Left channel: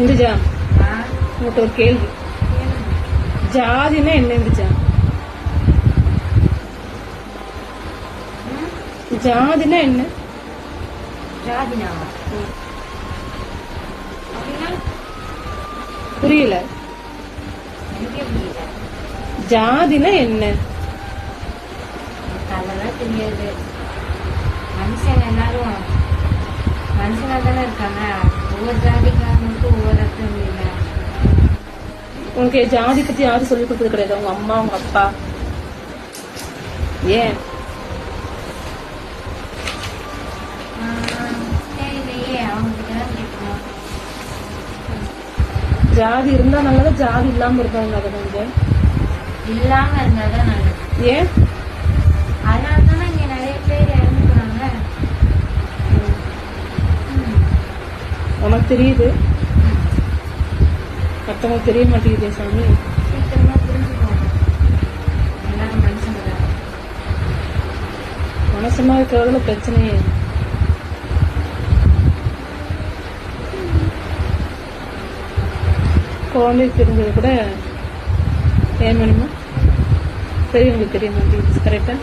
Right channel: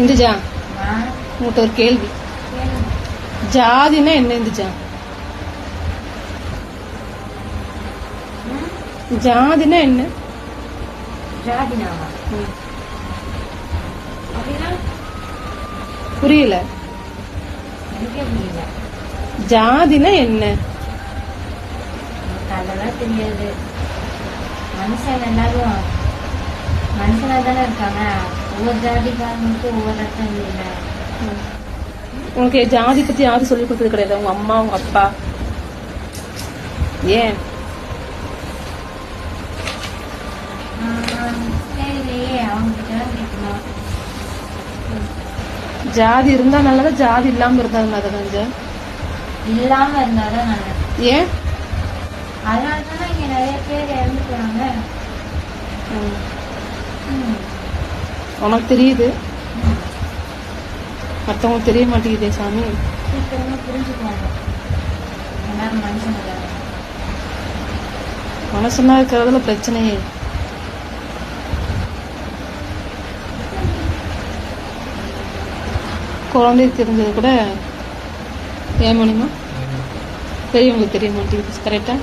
இந்துஜா, உங்கள்கிட்ட ஒரு கேள்வி. ஜாதினா என்ன இந்துஜா? ஜாதினா என்ன? புரியல. ஜாதினா என்ன? தெரியாது. மனுஷன் எல்லாரும் மனுஷனா தானே இருக்காங்க. ஒவ்வொரு ஜாதிக்காரங்களுக்கும் ஒவ்வொரு அர்த்தம் இல்ல. உனக்கு ஜாதி பத்தி யாரும் சொல்லி கொடுத்தது கிடையாது? உங்க அம்மா, உங்க அப்பா? ஏன்? தெரியலையே, அவங்க கிட்ட கேட்கணும். ஜாதி இருந்தா நல்லதா, ஜாதி இல்லாம இருந்தா நல்லதா? இல்லாம இருந்தாதான் நல்லது. ஏன்? அதனாலதானே இங்க நிறைய பேர் இறந்துட்டாங்க. உனக்கு தெரியுது, மத்தவங்களுக்கு தெரிய மாட்டேங்குதே சாமி. சீக்கிரமா புரிஞ்சுக்குவாங்க. எல்லாரும் மனுஷங்க. மனசுனா இருக்கிறதுல பிரச்சனையே. குழந்தைக்கு தெரிஞ்சது கூட ஏன் மணிமா பெரியவங்களுக்கு தெரிய மாட்டேங்குது. கரெக்டா?